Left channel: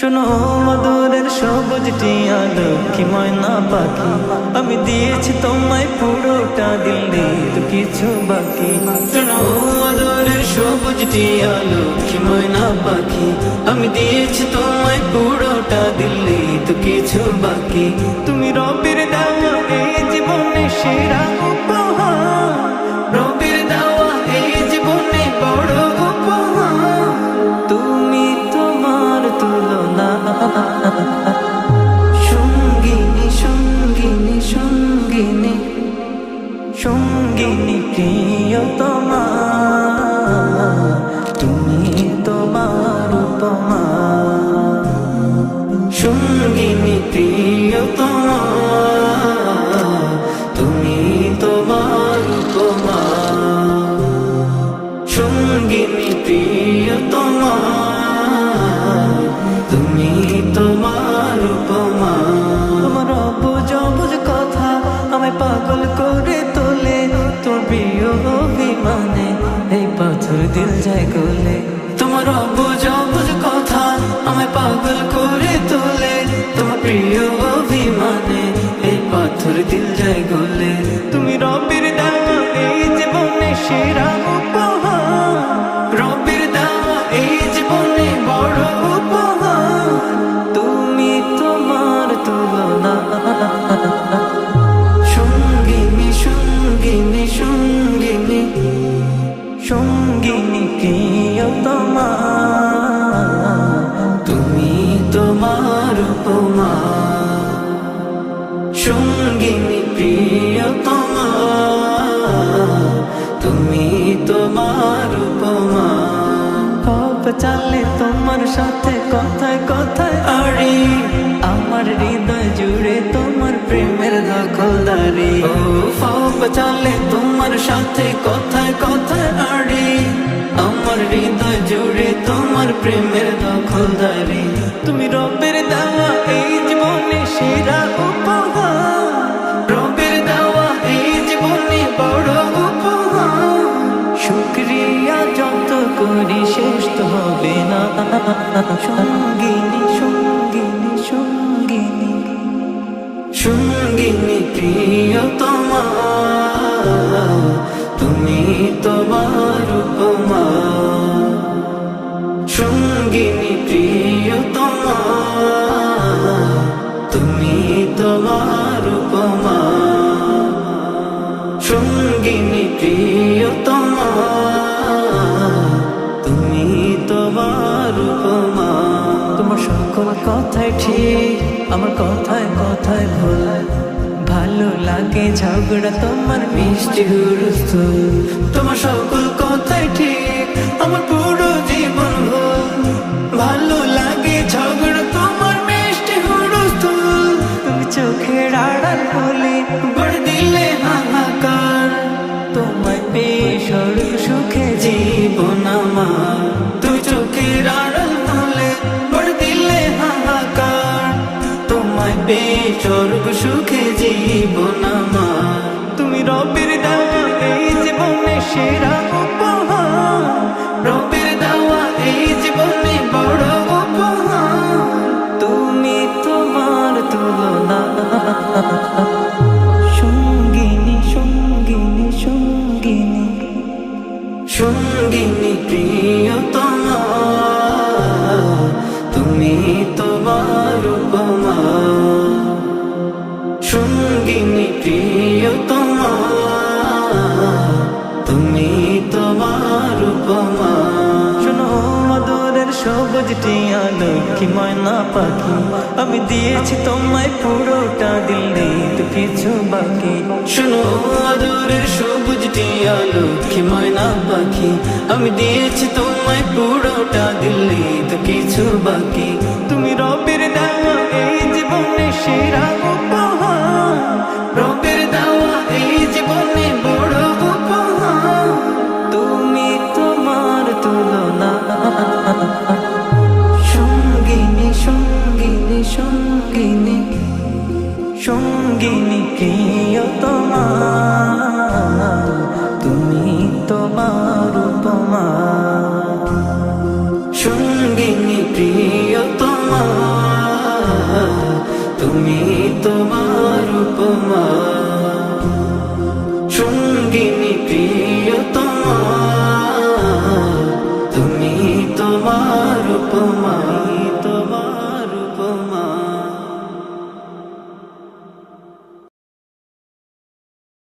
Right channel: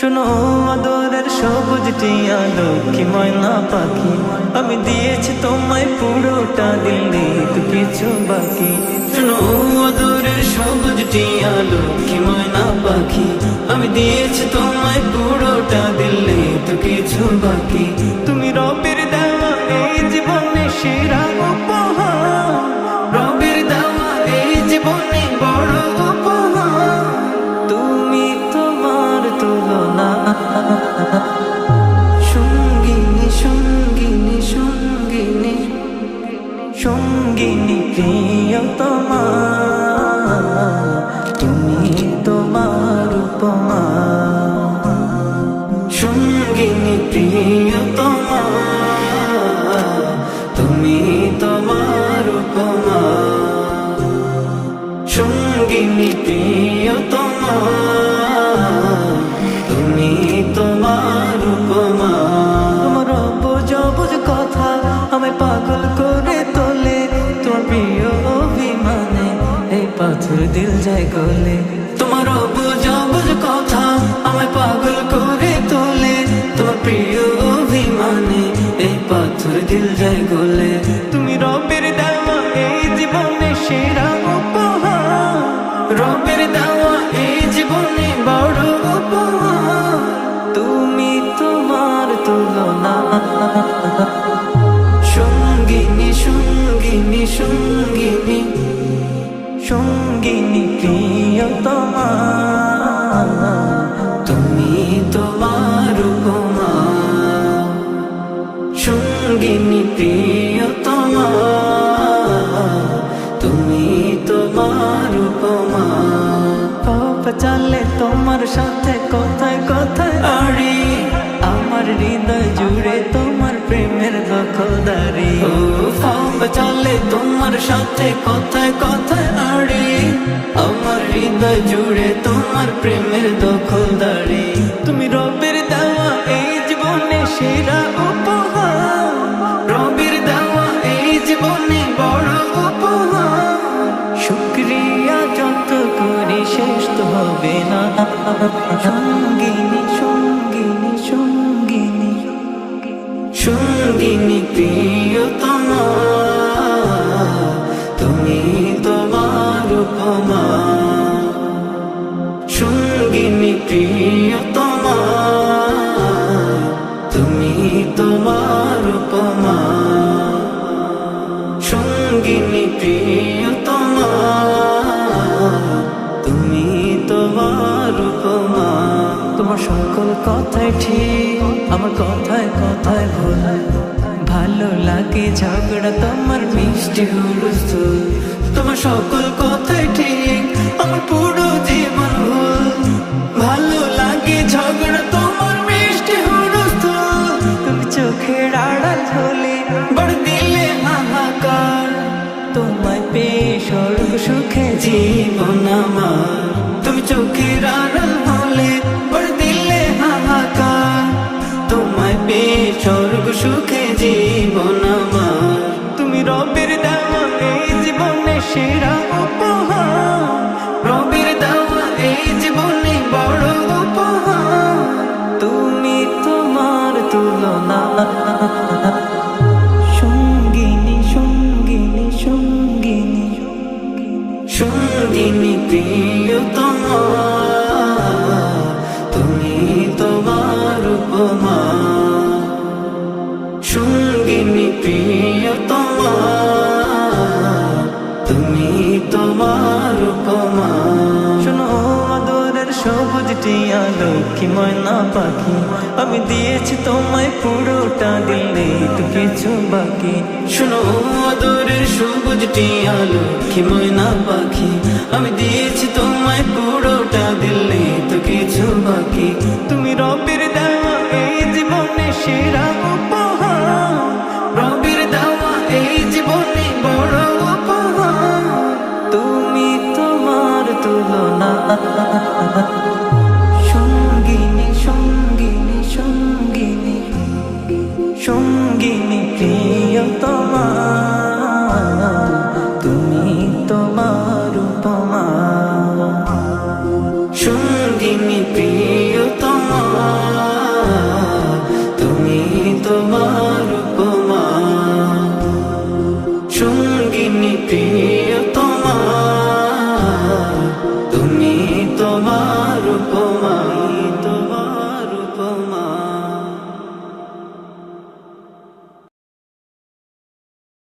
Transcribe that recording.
শোনো আদরের সবুজ টিয়া লক্ষ্মী ময়না পাখি, আমি দিয়েছি তোমায় পুরোটা, দিল নেই তো কিছু বাকি। শোনো আদরের সবুজ টিয়া লক্ষ্মী ময়না পাখি, আমি দিয়েছি তোমায় পুরোটা, দিল নেই তো কিছু বাকি। তুমি রবের দেওয়া এই জীবনে সেরা উপহার, রবের দেওয়া এই জীবনে বড় উপহার। তুমি তোমার তুলনা সঙ্গিনী সঙ্গিনী সঙ্গিনী সঙ্গিনী প্রিয়তমা, তুমি তোমার উপমা। সঙ্গিনী প্রিয়তমা, তুমি তোমার উপমা। সঙ্গিনী প্রিয়তমা, তুমি তোমার উপমা। তোমার অবুঝ অবুঝ কথা আমায় পাগল করে তোলে, তোমার প্রিয় অভিমানে এই পাথর দিল যায় গলে। তোমার অবুঝ অবুঝ কথা আমায় পাগল করে তোলে, তোমার প্রিয় অভিমানে এই পাথর দিল যায় গলে। তুমি রবের দেওয়া এই জীবনে সেরা উপহার, রবের দেওয়া এই জীবনে বড় উপহার। তুমি তোমার তুলনা সঙ্গিনী সঙ্গিনী সঙ্গিনী সঙ্গিনী প্রিয়তমা, তুমি তোমার উপমা। সঙ্গিনী প্রিয়তমা, তুমি তোমার উপমা। পাপ চালে তোমার সাথে কথায় কথায় আড়ি, আমার হৃদয় জুড়ে তোমার প্রেমের দখলদারি। পাপ চালে তোমার সাথে কথায় কথায় আড়ি, আমার হৃদয় জুড়ে তোমার প্রেমের দখলদারি। তুমি রবের দেওয়া এই জীবনে সেরা উপহার, রবের দেওয়া এই জীবনে বড় উপহার। শুকরিয়া যত করি শেষ তো হবে না। সঙ্গিনী সঙ্গিনী সঙ্গিনী সঙ্গিনী প্রিয়তমা, তুমি তোমার উপমা। সঙ্গিনী প্রিয়তমা, তুমি তোমার উপমা। সঙ্গিনী প্রিয়তমা, তুমি তোমার উপমা। তোমার সকল কথাই ঠিক, আমার কথায় কথায় ভুল। ভালো লাগে ঝগড়া তোমার মিষ্টি হুলস্থুল। তোমার সকল কথাই ঠিক, আমার পুরো জীবন ভুল। ভালো লাগে ঝগড়া তোমার মিষ্টি হুলস্থুল। তুমি চোখের আড়াল হলে বড় দিলে হাহাকার, তোমায় পেয়ে স্বর্গ সুখে জীবন আমার। তুমি চোখের আড়াল হলে বড় দিলে হাহাকার, তোমায় পেয়ে স্বর্গ সুখে জীবন আমার। তুমি রবের দেওয়া এই জীবনে সেরা উপহার, রবের দেওয়া এই জীবনে বড় উপহার। তুমি তোমার তুলনা সঙ্গিনী সঙ্গিনী সঙ্গিনী সঙ্গিনী প্রিয়তমা, তুমি তোমার উপমা। সঙ্গিনী প্রিয়তমা, তুমি তোমার উপমা। শোনো আদরের সবুজ টিয়া লক্ষ্মী ময়না পাখি, আমি দিয়েছি তোমায় পুরোটা, দিল নেই তো কিছু বাকি। শোনো আদরের সবুজ টিয়া লক্ষ্মী ময়না পাখি, আমি দিয়েছি তোমায় পুরোটা, দিল নেই তো কিছু বাকি। তুমি রবের দেওয়া এই জীবনে সেরা উপহার, রবের দেওয়া এই জীবনে বড় উপহার। তুমি তোমার তুলনা সঙ্গিনী সঙ্গিনী সঙ্গিনী সঙ্গিনী প্রিয়তমা, তুমি তোমার উপমা। সঙ্গিনী প্রিয়তমা, উপমা।